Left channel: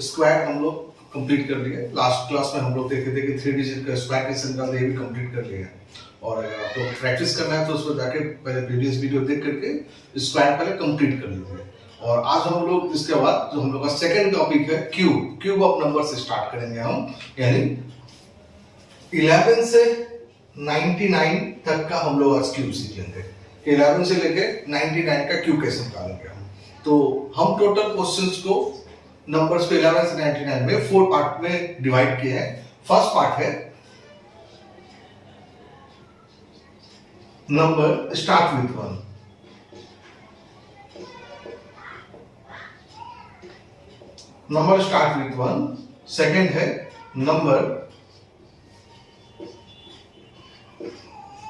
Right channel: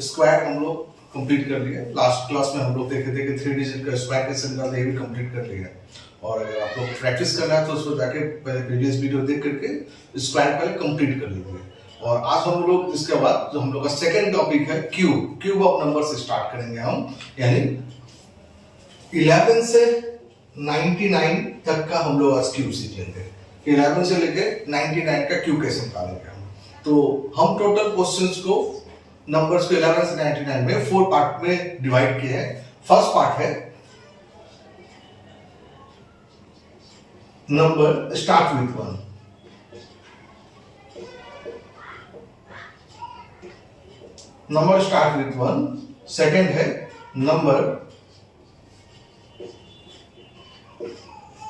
Square हम लोग complete कर लिए। लास्ट क्लास में हम लोग देखे थे कि 3 डिजिट का स्क्वायर कैसे निकालते हैं, ये भी कंप्लीट कर लिया। और अगर आप लोग प्रैक्टिस करना है तो उसको जाके पहले प्रीवियस वीडियो देख करके स्क्वायर पहले कंप्लीट कर लीजिए। और आज हम लोग इसके बाद जो हम लोग का सेकंड टॉपिक है क्यूब ऑफ नंबर से स्टार्ट करेंगे हम, यानी 11 से 99 तक का हम लोग आज क्यूब सीख लेंगे। 11 से लेके 99 का क्यूब कैसे निकालेंगे हम। तो हम टोटल क्वेश्चंस को नंबर्स को 11 से 99 में 4 पार्ट में डिवाइड किए हैं। फर्स्ट पार्ट है number start with 1, number start with 1। Second है number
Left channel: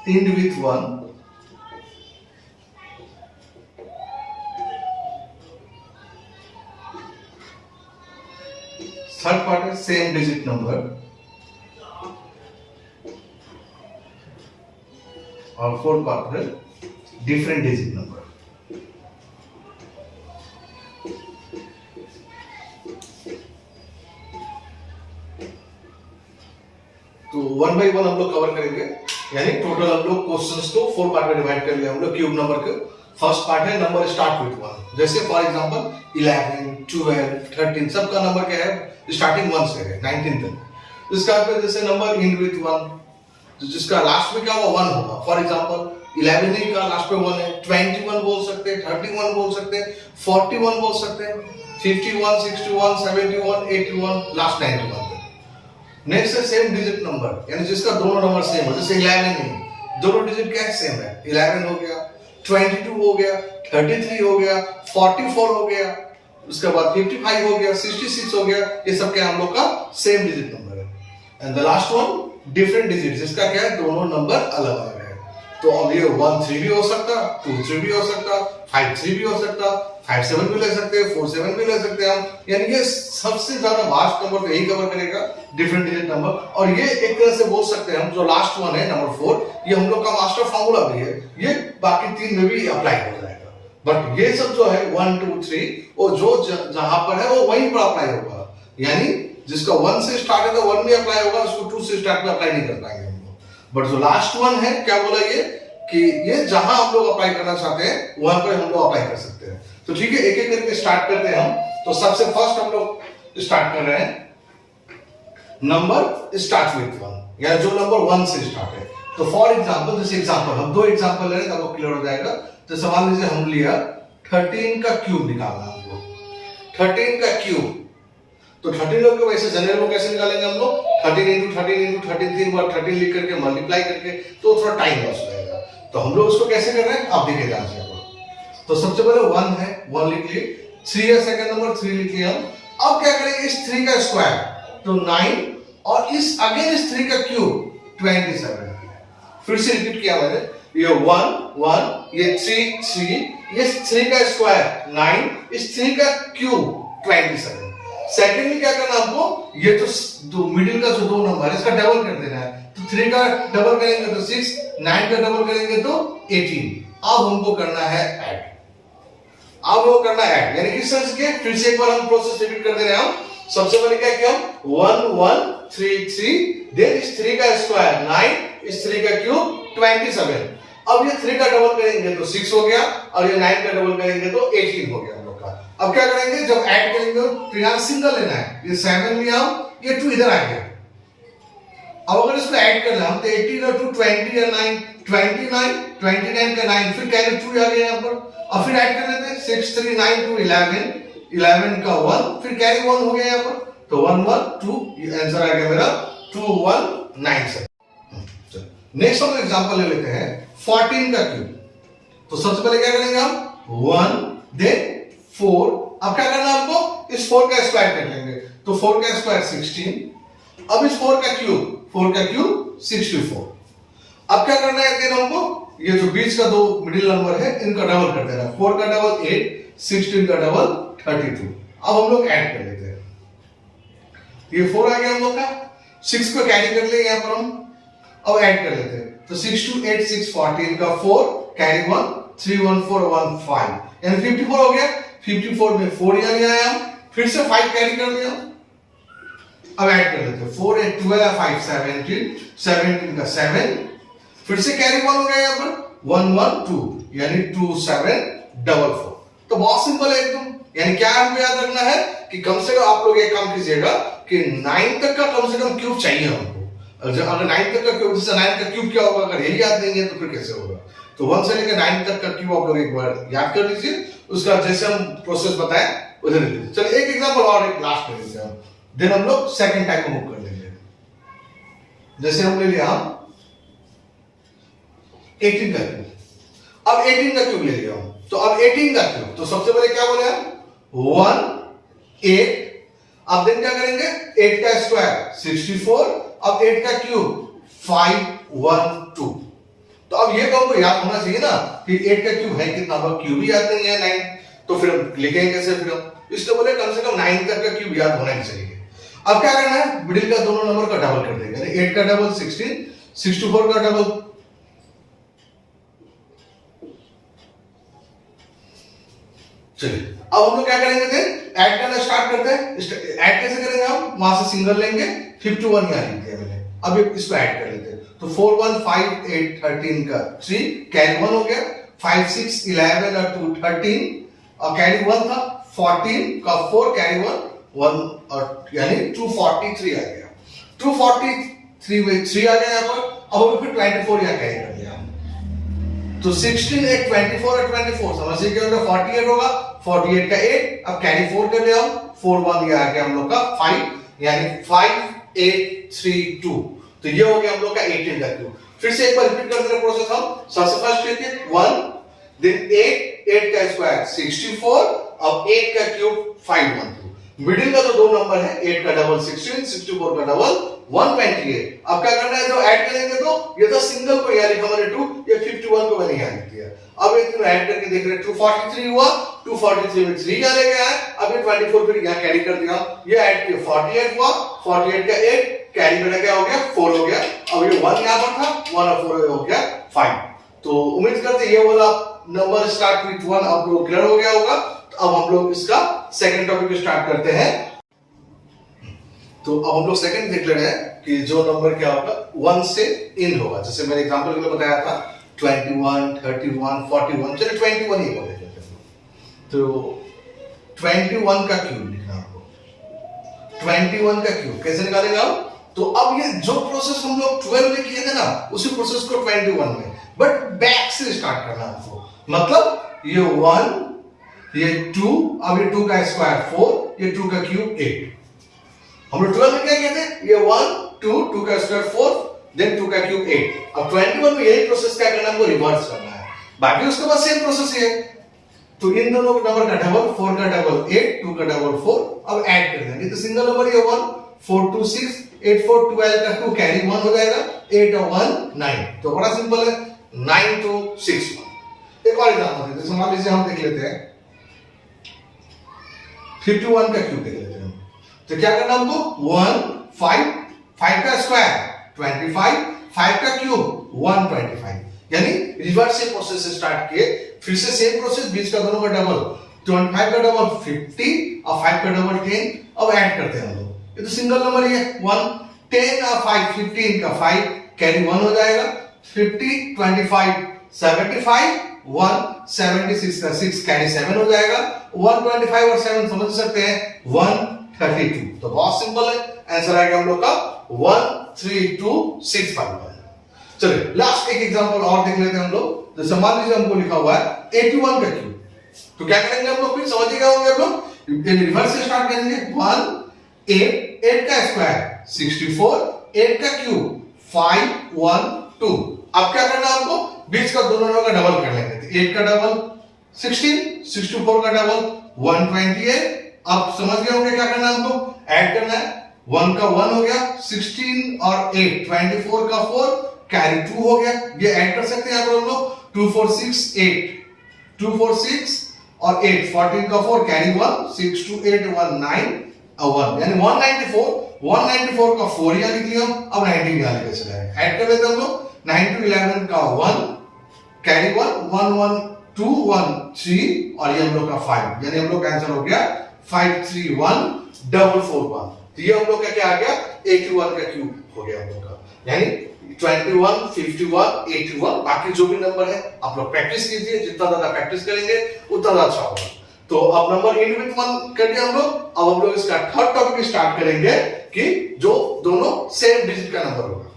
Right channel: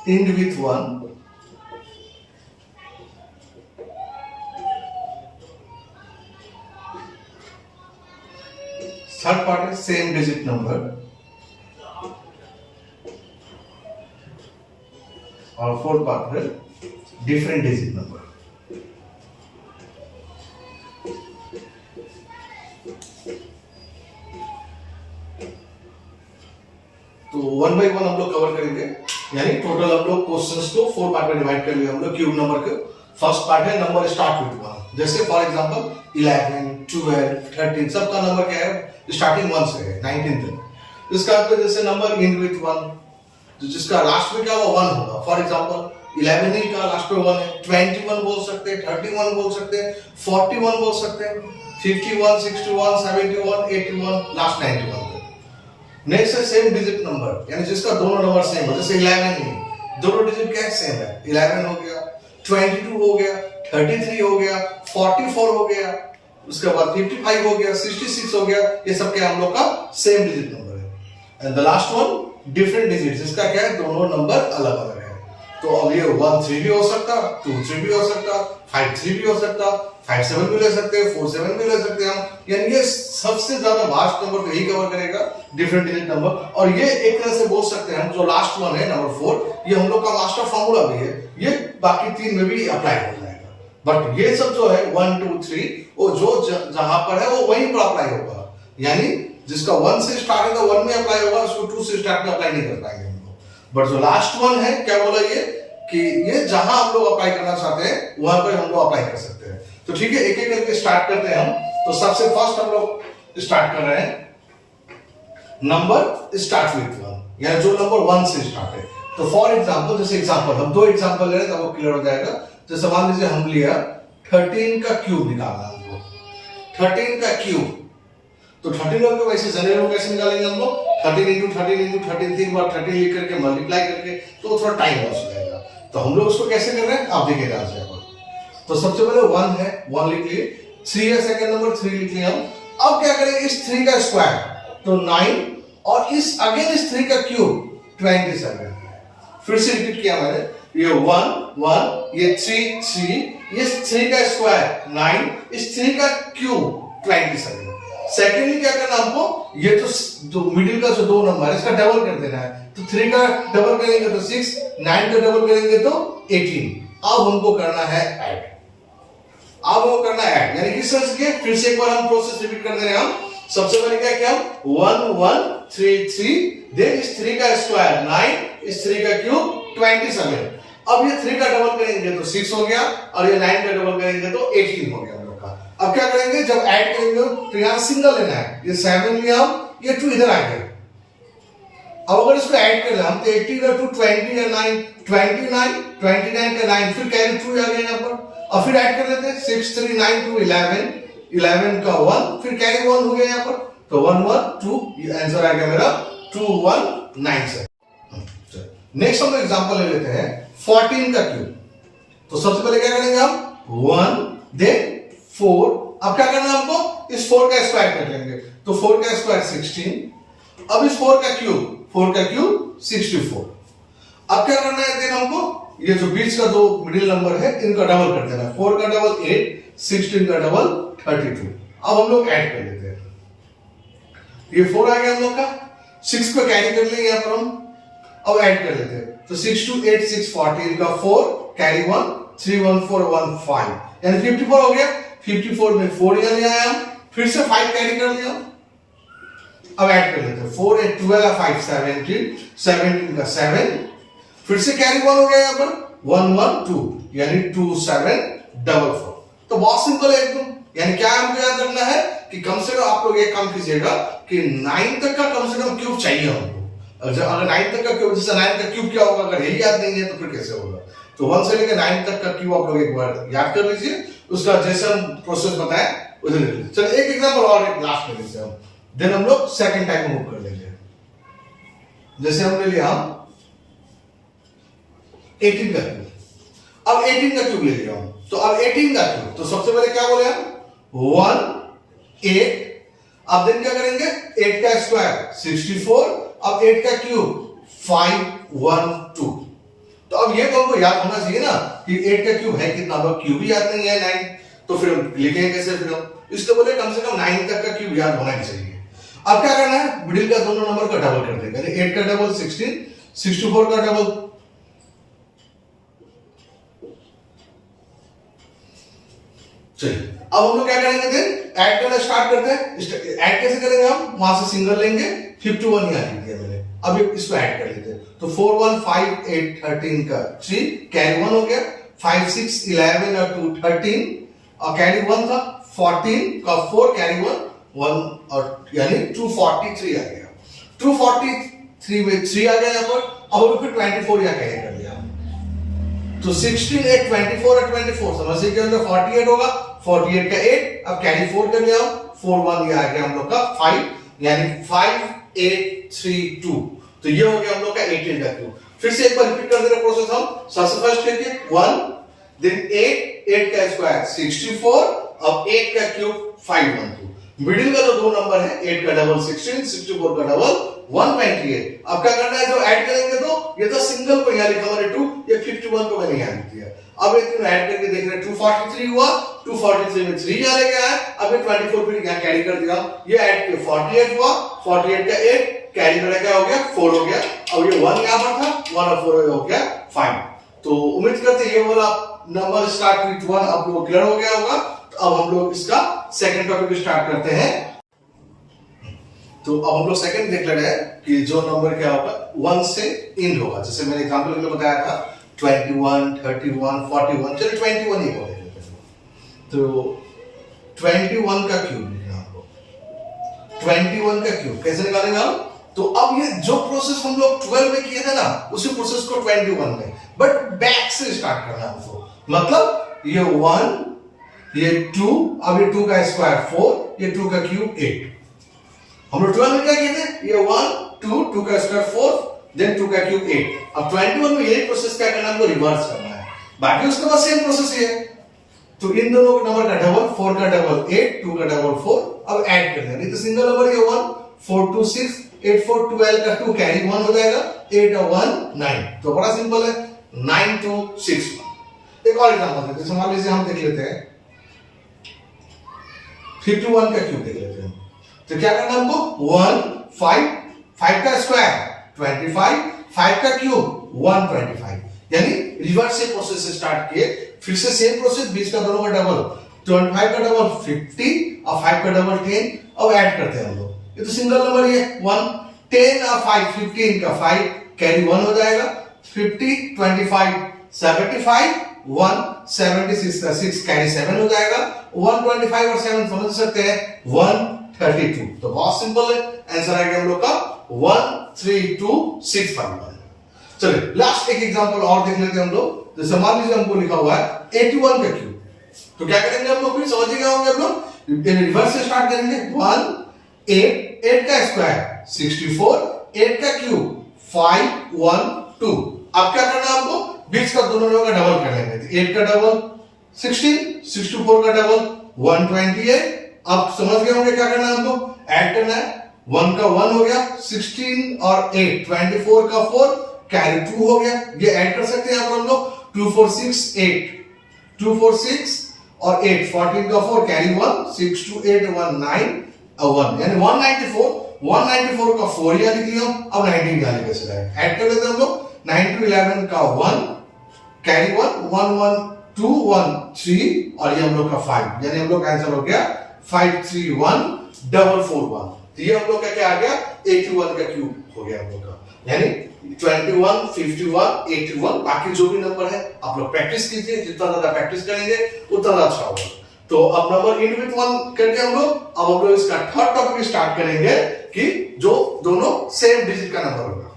end with 1। Third part है सेम डिजिट नंबर। और फोर्थ पार्ट है डिफरेंट डिजिट नंबर। तो वन बाई वन हम लोग कवर करेंगे, यानी टोटल हम लोग क्वेश्चंस को 4 पार्ट में डिवाइड कर लिया हम लोग क्यूब नंबर के। फर्स्ट पार्ट है नंबर स्टार्ट विथ 1, जैसे फॉर एग्जांपल 11, 12, 13 सबका नंबर क्या है, स्टार्टिंग 1 से है 19 तक। इसका फिर जैसे नंबर एंड विथ 1, जिसका लास्ट में क्या होगा 1 होगा। फॉर एग्जांपल 11 ही का लास्ट में 1 है, 21 बोल सकते हैं, 31 बोल सकते हैं, 41 बोल सकते हैं, 51, 61, 71, 81, लास्ट 91 तक। नेक्स्ट है सेम डिजिट नंबर, यानी जिसका दोनों नंबर सेम हो, जैसे 11 ही दोनों डिजिट क्या है सेम है, 11 हो गया, 22 हो गया, 33 हो गया, 44 हो गया, उसके बाद 55 हो गया, 66 हो गया। ये सब क्या हम लोग का सेम डिजिट नंबर है। And the last one different digit, जिसका क्या है दोनों नंबर अलग अलग है। तो अब ये 1 3 भी हो सकता, 2 3 भी हो सकता, 5 3 भी हो सकता, 5 7 भी ले सकते हैं, 4 7 भी ले सकते हैं हम। यानी ये सबसे ज्यादा वास्ट नंबर तो यही कवर करेगा, डिफरेंट डिजिट नंबर। और ये एक तरह से बोल सकते हैं हम, जो लास्ट वन है नंबर 4, ये हम लोग का मास्टर फॉर्मूला भी है, ये बाकी 3 में भी अप्लाई हो जाएगा। बट ये सब जो है 1 2 3 वो जो जहां पर है वो वहीं पर अप्लाई होगा, यानी जिसका 1 से स्टार्ट है तो 1 में अप्लाई होगा, उसको 2 से स्टार्ट में अप्लाई नहीं कर पाएंगे हम लोग। बट जो लास्ट वन है क्या बोला ये कि ये जहां हम लोग अप्लाई करना चाहते हैं वहां पर हम लोग अप्लाई कर सकते हैं। तो ठीक है, एक एक करके स्टार्ट करते हैं हम। तो सबसे फर्स्ट हम लोग स्टार्ट कर रहे हैं नंबर स्टार्ट विथ 1, यानी जो नंबर 1 से स्टार्ट है। तो फॉर एग्जांपल, जैसे एग्जांपल हम 2 एग्जांपल ले रहे हैं तब वो क्लियर हो जाएगा। तो समान लीजिए हम लिया 13 का क्यूब निकालना हमको, 13 का क्यूब। तो 13 का क्यूब ऐसे जनरल कैसे निकालेंगे हम लोग, 13 into 13 into 13 3 बार 13 लिख करके मल्टीप्लाई करके, तो थोड़ा टाइम लॉस हो जाएगा। तो हम लोग इसको कैसे कर रहे हैं आप देखिए ध्यान से। तो सबसे पहले 1 है, 1 लिख लिए, 3 है सेकंड नंबर 3 लिख लिया हम। अब क्या करें, इस 3 का स्क्वायर तो 9 और इस अगेन इस 3 का क्यूब 27। फिर से रिपीट किया मैंने, ये 1 1, ये 3 3, ये 3 का स्क्वायर 9, इस 3 का क्यूब 27। सेकेंडली क्या करना हमको, ये तो मिडिल का जो 2 नंबर है इसका डबल कर देना है। तो 3 का डबल करेंगे तो 6, 9 का डबल करेंगे तो 18। अब हमको करना है ऐड, अब वो करना है ऐड, यानी किस तरह से, फिर से एक बार हम प्रोसेस रिपीट कर दे रहे हैं हम। सबसे पहले क्या किया हम 1 1 3 3, देन इस 3 का स्क्वायर 9, इस 3 का क्यूब 27। अब ये 3 का डबल करेंगे तो 6 हो गया, और ये 9 का डबल करेंगे तो 18 हो गया हम लोग का। अब क्या करेंगे, जब ऐड करेंगे तो यहाँ सिंगल लेना है, ये 7 लिया हम, ये 2 इधर आ गया। अब अगर इसको ऐड करना हम तो 18 और 2 20 या 9 29, 29 का 9, फिर कैरी 2 आ गया यहाँ पर। अब फिर ऐड कर लेते हैं 6 3 9 2 11, 11 का 1, फिर कैरी 1 हो गया यहाँ पर। तो 1 1 2, ये आंसर आ गया मेरा 2 1 9 7। नेक्स्ट हम एग्जांपल ले लेते हैं 14 का क्यूब। तो सबसे पहले क्या करेंगे हम 1 देन 4। अब क्या करना हमको, इस 4 का स्क्वायर कर लेंगे, तो 4 का स्क्वायर 16। अब इस 4 का क्यूब 64। अब क्या करना है देन हमको, ये जो बीच का 2 मिडिल नंबर है इनका डबल कर देना, 4 का डबल 8, 16 का डबल 32। अब हम लोग ऐड कर लेते हैं, ये 4 आ गया हम लोग का, 6 को कैरी कर लेंगे यहाँ पर हम। अब ऐड कर लेते हैं, तो 6 2 8 6 14 का 4 कैरी 1 3 1 4 1 5, यानी 54 हो गया। 54 में 4 यहाँ ले आए हम, फिर से 5 कैरी कर लिया, अब ऐड कर लेते हैं 4 8 12 5 17 17 का 7, फिर से कैरी 1 हो गया यहाँ पर 1 1 2 यानी 2 7 4 4। तो बहुत सिंपल है एकदम, यानी क्या हमको याद रखना है कि कम से कम आप लोग एक काम कीजिएगा कि 9 तक का कम से कम क्यूब चाहिए हमको। अगर 9 तक का क्यूब, जैसे 9 का क्यूब क्या होगा, अगर यही याद नहीं है तो फिर कैसे होगा। तो 1 से लेकर 9 तक का क्यूब आप लोग एक बार याद कर लीजिए, उसका जैसे हम प्रोसेस बताएं उधर लिख लीजिए। चलो एक एग्जांपल और एक लास्ट में लीजिए हम, देन हम लोग सेकंड टाइम मूव कर लेंगे। जैसे हम ले लिया हम 18 का क्यूब, अब 18 का क्यूब ले लिया हम, तो अब 18 का क्यूब, तो सबसे पहले क्या बोले हम 1 8, अब देन क्या करेंगे 8 का स्क्वायर 64, अब 8 का क्यूब 5 1 2। तो अब ये तो हमको याद होना चाहिए ना कि 8 का क्यूब है कितना, अब क्यूब ही याद नहीं है 9, तो फिर हम लिखेंगे कैसे, फिर हम इसलिए बोले कम से कम 9 तक का क्यूब याद होना ही चाहिए। अब क्या करना है, मिडिल का दोनों नंबर का डबल कर देंगे, 8 का डबल 16, 64 का डबल, चलिए अब हम लोग क्या करेंगे, देन ऐड करना स्टार्ट करते हैं। ऐड कैसे करेंगे हम, वहां से सिंगल लेंगे, 51 यहां लिख दिया मैंने, अब इसको ऐड कर लेते हैं। तो 4 1 5 8 13 का 3 कैरी 1 हो गया, 5 6 11 और 2 13 और कैरी 1 था 14 का 4 कैरी 1 और यानी 243 आ गया, 243 में 3 आ गया यहाँ पर। अब फिर 24 यहाँ कैरी कर लिया, तो 16 8 24 और 24 समझ लीजिए 48 होगा, 48 का 8, अब कैरी 4 कर लिया हम, 4 1 ये आ गया हम लोग का 5 यानी 5 8 3 2। तो ये हो गया हम लोग का 18 का क्यूब। फिर से एक बार रिपीट कर दे रहे प्रोसेस हम, सबसे फर्स्ट लेके 1 देन 8 का स्क्वायर 64, अब 8 का क्यूब 5 1 2, मिडिल का जो दो नंबर है 8 का डबल 16, 64 का डबल 128। अब क्या करना है, जो ऐड करेंगे तो ये तो सिंगल को यहां लिखा मैंने 2, ये 51 को मैंने यहां लिख दिया। अब ये तीनों ऐड करके देख रहे हैं 243 हुआ, 243 में 3 यहां ले गया है, अब ये 24 फिर यहां कैरी कर दिया, ये ऐड किया 48 हुआ, 48 का 8 कैरी में क्या हो गया 4 हो गया, अब ये 1 यहां पर था 1 और 4 हो गया 5। तो उम्मीद करते हैं ये वाला नंबर स्टार्ट विद 1 आप लोग क्लियर हो गया होगा। तो अब हम लोग इसका सेकंड टॉपिक स्टार्ट करते हैं। तो अब हम लोग सेकंड देख ले रहे हैं कि जो नंबर क्या होगा 1 से इन होगा, जैसे मैंने एग्जांपल के लिए बताया था 21 31 41, चलिए 21 ही बोले। तो 21 का क्यूब लिखना आपको, 21 का क्यूब कैसे निकालेंगे हम, तो अब ये जो प्रोसेस हम लोग 12 में किए थे ना उसी प्रोसेस को 21 में, बट बैक से स्टार्ट करना है आपको। मतलब ये 1 ये 2, अब ये 2 का स्क्वायर 4, ये 2 का क्यूब 8। हम लोग 12 में क्या किए थे, ये 1 2 2 का स्क्वायर 4 देन 2 का क्यूब 8। अब 21 में यही प्रोसेस क्या करना है, हमको रिवर्स करना है, बाकी उसके बाद सेम प्रोसेस ही है। तो इन दोनों का नंबर का डबल, 4 का डबल 8, 2 का डबल 4, अब ऐड कर देंगे। तो सिंगल नंबर ये 1 4 2 6 8 4 12 का 2 कैरी 1 हो जाएगा, 8 और 1 9। तो बड़ा सिंपल है 9 2 6 1। एक और एग्जांपल देते हैं, मान लीजिए हम देख लेते हैं 51 का क्यूब देख लेते हैं। तो क्या करना है हमको 1 5 5 का स्क्वायर 25, 5 का क्यूब 125, यानी रिवर्स से प्रोसेस से स्टार्ट किए, फिर से सेम प्रोसेस, बीच का दोनों का डबल 25 का डबल 50 और 5 का डबल 10। अब ऐड करते हैं हम लोग, ये तो सिंगल नंबर ही है 1 10 और 5 15 का 5 कैरी 1 हो जाएगा, 50 25 75 1 76 का 6 कैरी 7 हो जाएगा, 125 और 7 समझ सकते हैं 132। तो बहुत सिंपल है, आंसर आएगा हम लोग का 132651। चलिए लास्ट एक एग्जांपल और देख लेते हैं हम लोग। जैसे मान लीजिए हमको लिखा हुआ है 81 का क्यूब, तो क्या करेंगे हम लोग, फिर समझिएगा हम लोग रिवर्स से स्टार्ट करेंगे 1 8 8 का स्क्वायर 64, 8 का क्यूब 5 1 2। अब क्या करना है हमको, बीच का दोनों का डबल कर लेंगे, 8 का डबल 16, 64 का डबल 128। अब समझ गए होंगे क्या करना है हमको, ऐड करना है, 1 का 1 हो गया, 16 और 8 24 का 4 कैरी 2 हो गया, ये ऐड कर सकते हैं यहाँ पर हम लोग 2 4 6 8 2 4 6 और 8 14 का 4 कैरी 1 6 2 8 1 9 और 1 यानी 194 का 4 यहाँ लिख लिया। अब 19 यहाँ लेके चले ऐड कर लेते हैं हम लोग, 9 to 11 का 1 कैरी 1 1 1 2 1 3 और ये हम लोग का 5, यानी हम लोग का आंसर हो गया 531,441। ये हम लोग का क्या आ गया 81 का क्यूब हो गया हम लोग का, यानी 21, 51, 81। बाकी जो भी नंबर है आप लोग प्रैक्टिस कीजिए, जितना ज्यादा प्रैक्टिस करेंगे उतना ज्यादा अच्छा होगा। तो अब नंबर एंड विथ 1 कर दिया हम लोग। अब हम लोग इसका थर्ड टॉपिक स्टार्ट करेंगे कि जो दोनों सेम डिजिट का नंबर होगा।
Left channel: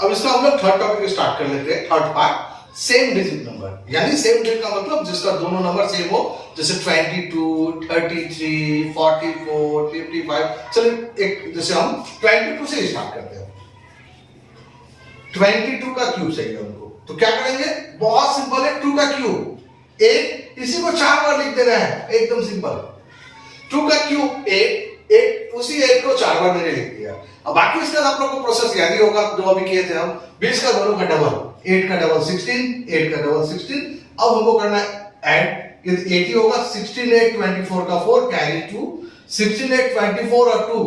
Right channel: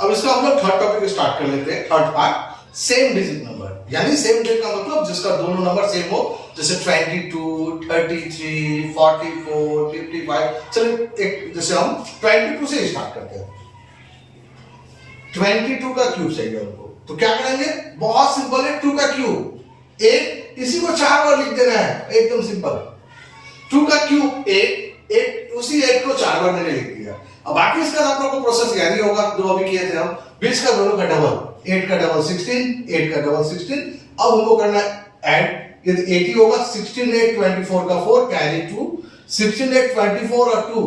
अब इसका हम लोग थर्ड टॉपिक स्टार्ट कर लेते हैं। Third part same digit number, यानी सेम डिजिट का मतलब जिसका दोनों नंबर सेम हो, जैसे 22, 33, 44, 55। चलिए एक जैसे हम 22 से स्टार्ट करते हैं। 22 का क्यूब चाहिए हमको, तो क्या करेंगे, बहुत सिंपल है। 2 का क्यूब, एक इसी को 4 बार लिख देना है, एकदम सिंपल। 2 का क्यूब 8, उसी 8 को 4 बार मैंने लिख दिया। अब बाकी इसका आप लोगों को प्रोसेस याद ही होगा जो अभी किए थे हम। 20 का दोनों का डबल, 8 का डबल 16, 8 का डबल 16। अब हमको करना है ऐड, ये 80 होगा। 16 8 24 का 4 कैरी 2, 16 8 24 और 2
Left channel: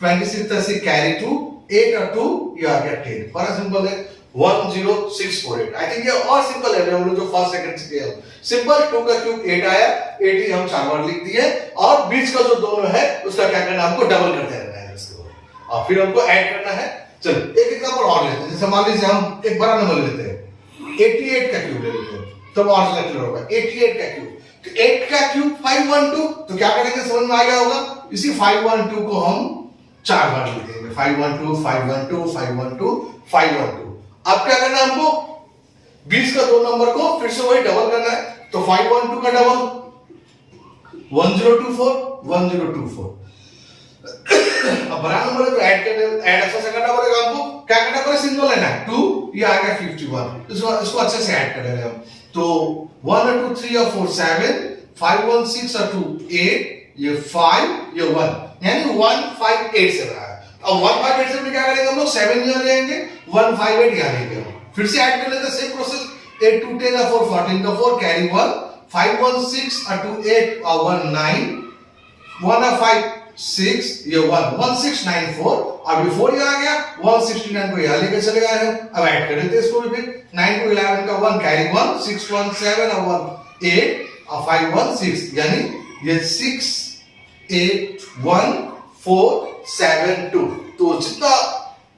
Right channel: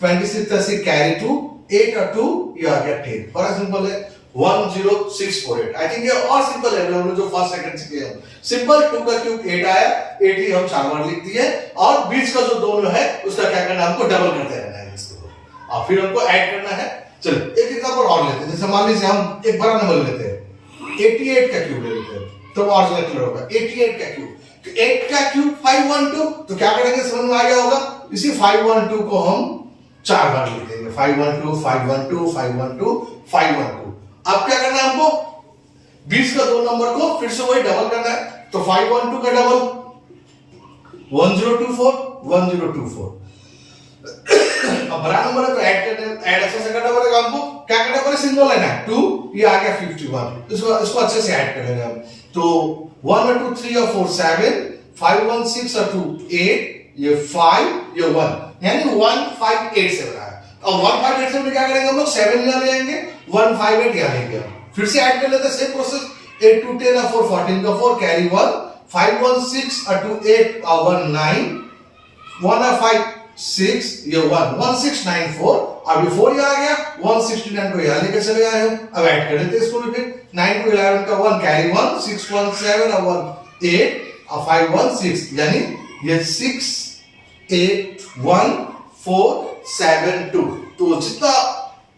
26 से कैरी 2, 8 और 2 ये आ गया 10। बड़ा सिंपल है, 10648। आई थिंक ये और सिंपल है, हम लोग जो फर्स्ट सेकंड से किए सिंपल। 2 का क्यूब 8 आया, 80 हम 4 बार लिख दिए, और 20 का जो दोनों है उसका क्या करना है, हमको डबल करते रहना है इसको, और फिर हमको ऐड करना है। चलो एक एग्जांपल और लेते हैं। जैसे मान लीजिए हम एक बड़ा नंबर लेते हैं, 88 का क्यूब ले लेते हैं, तब और ज्यादा क्लियर होगा। 88 का क्यूब, तो 8 का क्यूब 512, तो क्या करेंगे समझ में आ गया होगा। इसी 512 को हम 4 बार लिख देंगे, 512 512 512 512। अब क्या करना है हमको, 20 का दो नंबर को फिर से वही डबल करना है, तो 512 का डबल 1024 1024। अब बड़ा नंबर है तो ऐड अच्छे से करना पड़ेगा हमको। क्या करना पड़ेगा, सिंगल लेना है, 2 ये आ गया 51, इसको अच्छे से ऐड करेंगे हम। तो 1 और 2 3 और 4 7, 5 1 6 और 2 8, ये 5 ये 1, यानी 1587 आया। अब 1587 में क्या करेंगे हम लोग, 7 यहां ले आएंगे, 158 यहां लेंगे हम। फिर से ऐड कर लेते हैं, सेम प्रोसेस। 8 2 10 और 4 14 का 4 कैरी 1, 5 1 6 और 2 8 और 1 9, 1 और 5 6 ये 1 1694। अब ये 4 यहां आ गया, 169 को यहां लेके चले गए हैं। अब ऐड कर देते हैं इसको भी फिर। 9 2 11 का 1 कैरी 1, 6 1 7 और 1 8 और 5 1 6, यानी ये 6 8 1 4 7 2। तो जितना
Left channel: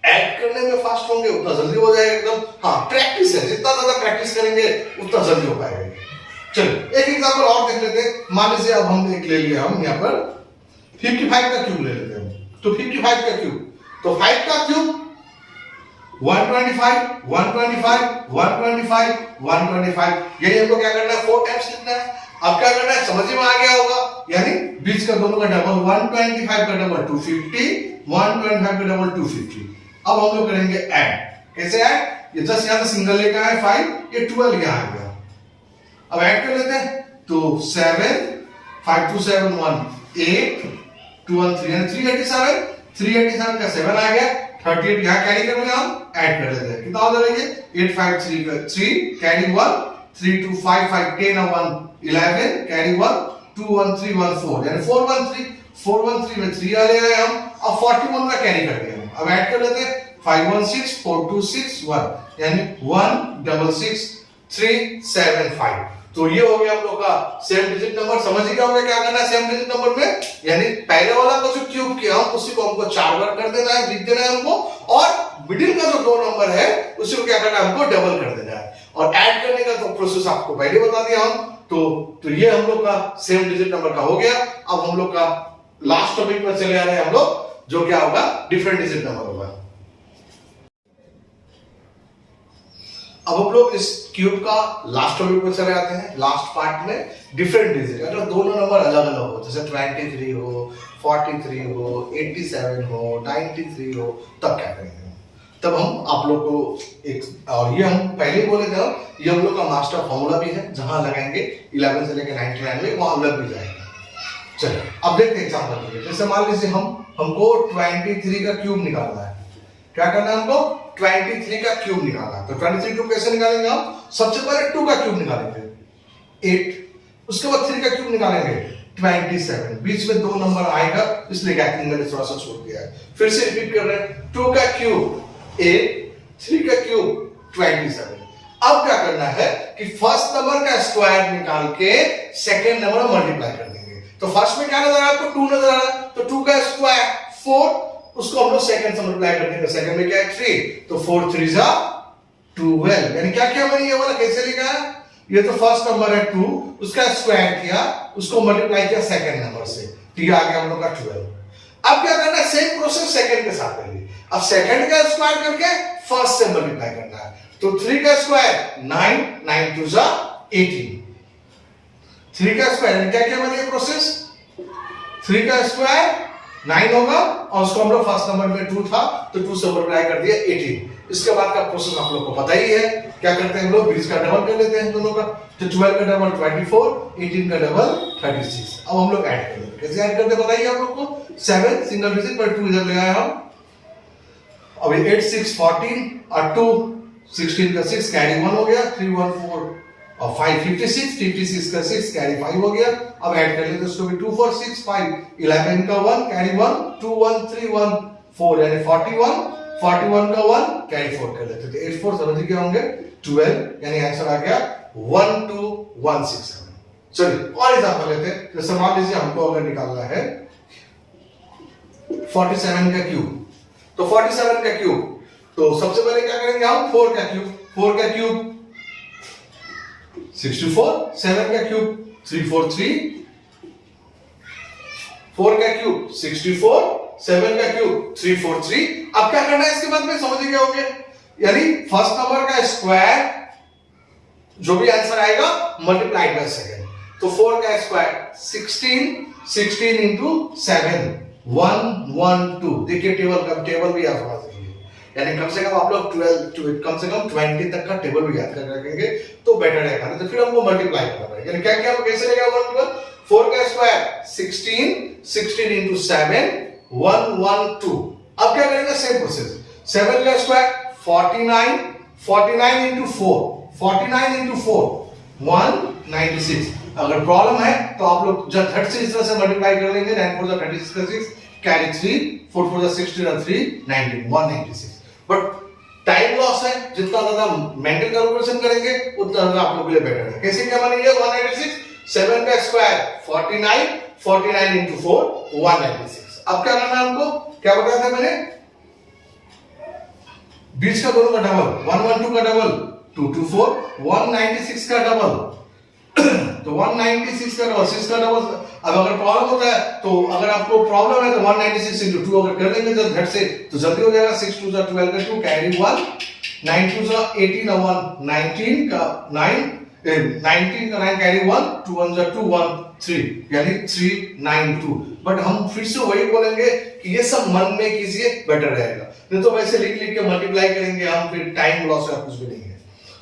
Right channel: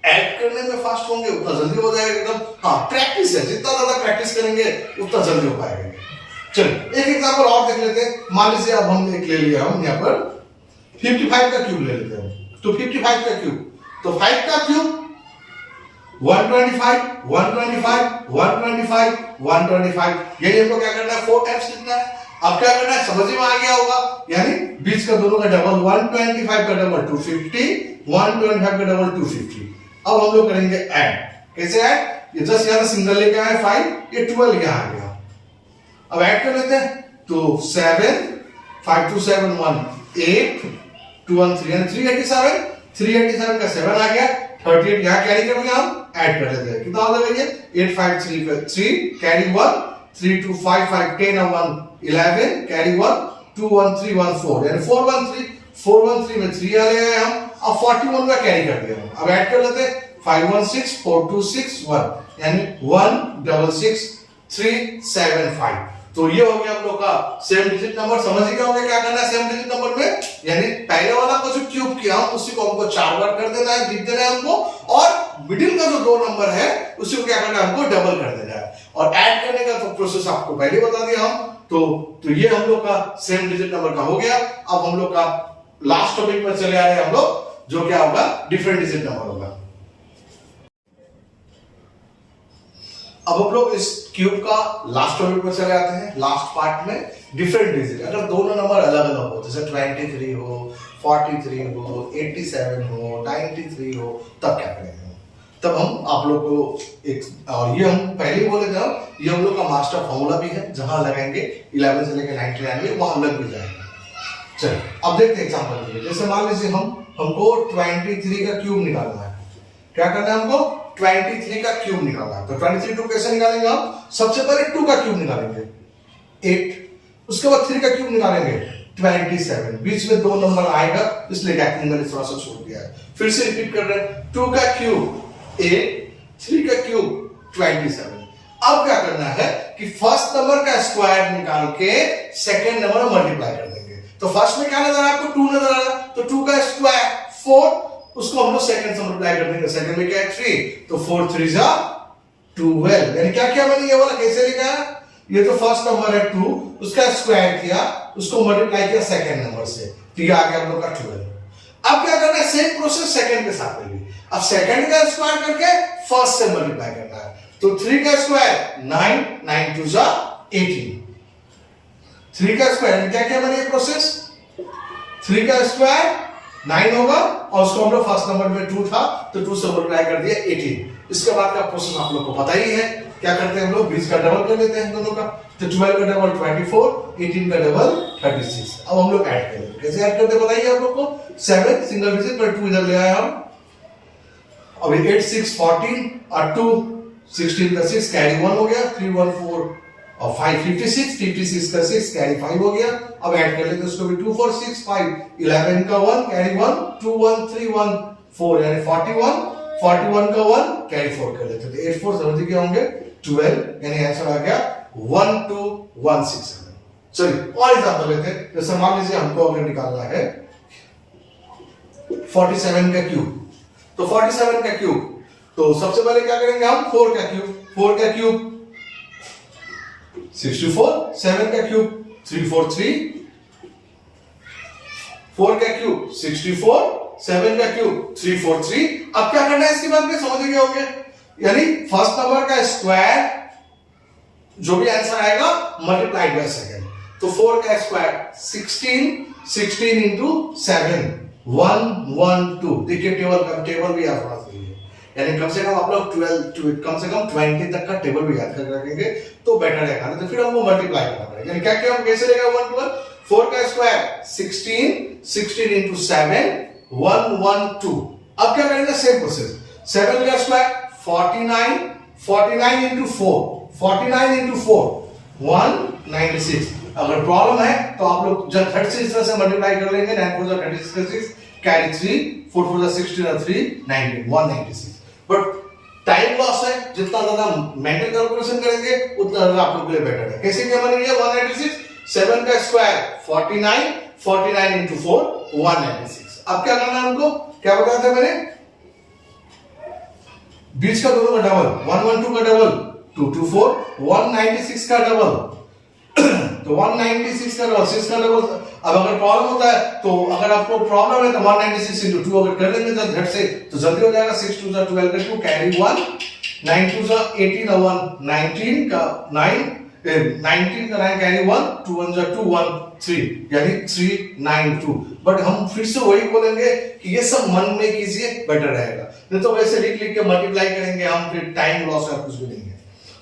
ऐड करने में फास्ट होंगे उतना जल्दी हो जाएगा एकदम। हाँ प्रैक्टिस है, जितना ज्यादा प्रैक्टिस करेंगे उतना जल्दी हो पाएगा। चलो एक एग्जांपल और देख लेते हैं। मान लीजिए अब हम एक ले लिया, हम यहाँ पर 55 का क्यूब ले लेते हैं। तो 55 का क्यूब, तो 5 का क्यूब 125 125 125 125, यही हमको क्या करना है, 4 टाइम्स लिखना है। अब क्या करना है, समझ में आ गया होगा, यानी 20 का दोनों का डबल 125 का डबल 250, 125 का डबल 250। अब हम लोग करेंगे ऐड। कैसे ऐड, ये जस्ट यहां से सिंगल लेकर आए 5, ये 12 यहां आ गया। अब ऐड कर लेते हैं, तो 7 5 2 7 1 8 2 1 3 and 387, 387 का 7 आ गया, 38 यहां कैरी कर लिया, हम ऐड कर लेते हैं। कितना हो जाएगा, 8 5 3 3 कैरी 1 3 2 5 5 10 और 1 11 कैरी 1 2 1 3 1 4, यानी 413 में 3 ले आए हम, अब 41 का कैरी कर दिया हम। अब ऐड कर लेते हैं, 516 426 1, यानी 166 375। तो ये हो गया हम लोग का सेम डिजिट नंबर। समझ गए होंगे क्या करना है सेम डिजिट नंबर में, यानी पहले वाला को जो क्यूब किया हम उसी को हमको 4 बार कर देना है, लिख देना है हमको, और मिडिल का जो 2 नंबर है उसी को क्या करना है, हमको डबल कर देना है। और ऐड करने का तो प्रोसेस आपको पहले बता दिया हम। तो ये हम लोग का सेम डिजिट नंबर का हो गया। अब हम लोग का लास्ट टॉपिक पर चले आ रहे हैं हम लोग, जो क्या होगा, डिफरेंट डिजिट नंबर होगा। अब हम लोग इस क्यूब का लास्ट टॉपिक पर चले आते हैं। लास्ट पार्ट में डिफरेंट डिजिट, अगर दोनों नंबर अलग अलग हो, जैसे 23 हो, 43 हो, 87 हो, 93 हो, तब क्या करेंगे, तब हम आप लोग को एक, और ये हम पहले ही बोले थे, ये हम लोग का मास्टर फॉर्मूला भी है, जहां लगाएंगे 11 से लेकर 99 में वहां लग भी जाएगा। चलो अब देखते हैं एग्जांपल के लिए। जैसे मान लीजिए हमको 23 का क्यूब निकालना है। क्या करना है हमको, 23 का क्यूब निकालना है। तो 23 क्यूब कैसे निकालेंगे हम, सबसे पहले 2 का क्यूब निकालेंगे 8, उसके बाद 3 का क्यूब निकालेंगे 27, बीच में 2 नंबर आएगा इसलिए गैपिंग मैंने थोड़ा सा छोड़ दिया है। फिर से रिपीट कर रहे हैं, 2 का क्यूब 8, 3 का क्यूब 27। अब क्या करना है कि फर्स्ट नंबर का स्क्वायर निकाल के सेकेंड नंबर मल्टीप्लाई कर देंगे। तो फर्स्ट में क्या नजर आ रहा है आपको 2 नजर आ रहा है, तो 2 का स्क्वायर 4, उसको हम लोग सेकंड से मल्टीप्लाई कर देंगे, सेकंड में क्या है 3, तो 4 3 जा 12। यानी क्या क्या मैंने ये वाला कैसे लिखा है, ये तो फर्स्ट नंबर है 2, उसका स्क्वायर किया, उसको मल्टीप्लाई किया सेकंड नंबर से, तो ये आ गया हम लोग का 12। अब क्या करना है, सेम प्रोसेस सेकंड के साथ करेंगे। अब सेकंड का स्क्वायर करके फर्स्ट से मल्टीप्लाई करना है, तो 3 का स्क्वायर 9, 9 2 जा 18, 3 का स्क्वायर क्या क्या मैंने ये प्रोसेस, 3 का स्क्वायर 9 होगा और उसको हम लोग फर्स्ट नंबर में 2 था तो 2 से मल्टीप्लाई कर दिया 18। इसके बाद का प्रोसेस आप लोग को पता ही है, क्या करते हैं हम लोग, 20 का डबल कर लेते हैं दोनों का, तो 12 का डबल 24, 18 का डबल 36। अब हम लोग ऐड कर लेते हैं, कैसे ऐड करते हैं बताइए आप लोग को, 7 सिंगल डिजिट पर 2 इधर ले आए हम, अभी 8 6 14 और 2 16 का 6 कैरी 1 हो गया, 3 1 4 और 5 56, 56 का 6 कैरी 5 हो गया। अब ऐड कर लेते हैं उसको भी, 2 4 6 5 11 का 1 कैरी 1, 2 1 3 1 4 यानी 41, 41 का 1 कैरी 4 कर लेते, तो 8 4 समझ गए होंगे 12, यानी आंसर आ गया 1217। चलिए और एग्जांपल लेते हैं, जैसे मान लीजिए हमको अगर निकालना है 47 का क्यूब, तो 47 का क्यूब, तो सबसे पहले क्या करेंगे हम, 4 का क्यूब, 4 का क्यूब 64, 7 का क्यूब 343, 4 का क्यूब 64, 7 का क्यूब 343। अब क्या करना है इसके बाद में, समझ गए होंगे, यानी फर्स्ट नंबर का स्क्वायर जो भी आंसर आएगा मल्टीप्लाइड बाय सेकंड, तो 4 का स्क्वायर 16, 16 इंटू 7 112। देखिए टेबल भी याद होना चाहिए, यानी कम से कम आप लोग 12 कम से कम 20 तक का टेबल भी याद कर रखेंगे तो बेटर रहेगा, तो फिर हमको मल्टीप्लाई करना पड़ेगा। यानी क्या क्या कैसे लेगा 1 12, 4 का स्क्वायर 16, 16 इंटू 7 112। अब क्या करेंगे, सेम प्रोसेस, 7 का स्क्वायर 49, 49 इंटू 4, 49 इंटू 4 196। अगर प्रॉब्लम है तो आप लोग जब झट से इस तरह से मल्टीप्लाई कर लेंगे, 9 4 जा 36 का 6 कैरी 3, 4 4 जा 16 और 3 19 196। बट टाइम लॉस है, जितना ज्यादा मेंटल कैलकुलेशन करेंगे उतना ज्यादा आप लोगों के लिए बेटर है। कैसे क्या बनेगा 196, 7 का स्क्वायर 49, 49 इंटू 4 196। अब क्या करना है हमको, क्या बताया था मैंने, 20 का दोनों का डबल, 112 का डबल 224, 196 का डबल तो 196 का डबल 6 का डबल। अब अगर प्रॉब्लम होता है तो अगर आपको प्रॉब्लम है तो 196 इंटू 2 अगर कर लेंगे तो झट से तो जल्दी हो जाएगा, 6 2 जा 12 का 2 कैरी 1, 9 2 जा 18 और 1 19 का 9 19 का 9 कैरी 1, 2 1 जा 2 1 3 यानी 392। बट हम फिर से वही बोलेंगे कि ये सब मन में कीजिए, बेटर रहेगा, नहीं तो वैसे लिख लिख के मल्टीप्लाई करेंगे हम, फिर टाइम लॉस है, कुछ भी नहीं है।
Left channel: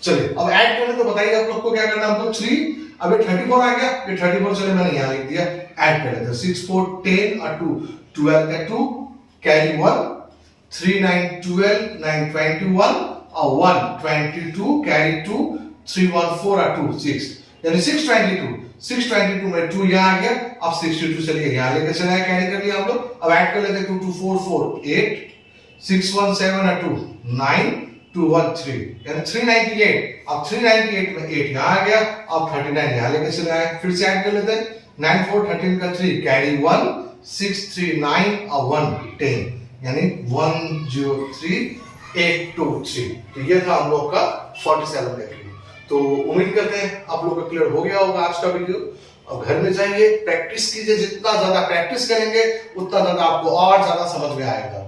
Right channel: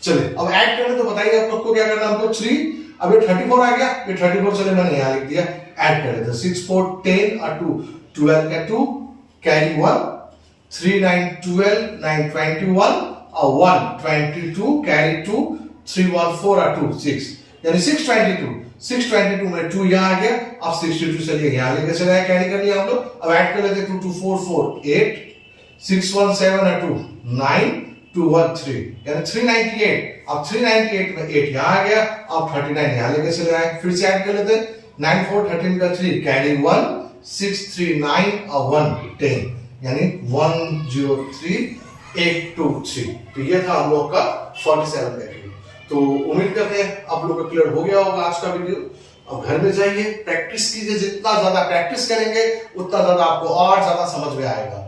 चलिए अब ऐड करें तो बताइए आप लोग को क्या करना है, हमको 3, अब ये 34 आ गया, ये 34 चले मैंने यहां लिख दिया, ऐड कर लेते हैं 6 4 10 और 2 12 का 2 कैरी 1, 3 9 12 9 21 और 1 22 कैरी 2, 3 1 4 और 2 6 यानी 622 में 2 यहां आ गया। अब 62 चलिए यहां लेके चले आए, कैरी कर लिया हम लोग। अब ऐड कर लेते हैं 2 2 4 4 8 6 1 7 और 2 9 2 1 3 यानी 398। अब 398 में 8 यहां आ गया, अब 39 यहां लेके चले आए, फिर से ऐड कर लेते हैं 9 4 13 का 3 कैरी 1 6 3 9 और 1 10 यानी 103 8 2 3। तो ये था हम लोग का 47 का क्यूब। तो उम्मीद करते हैं आप लोग को क्लियर हो गया होगा आज का वीडियो। अब घर में जाइए, प्रैक्टिस कीजिए, जितना ज्यादा प्रैक्टिस करेंगे उतना ज्यादा आपको और ज्यादा समझ में आएगा।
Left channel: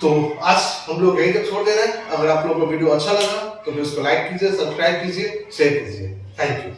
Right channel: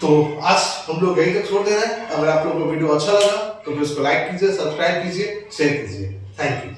तो आज हम लोग यही तक छोड़ दे रहे हैं। अगर आप लोगों को वीडियो अच्छा लगा तो फिर उसको लाइक कीजिए, सब्सक्राइब कीजिए, शेयर कीजिए। Thank you.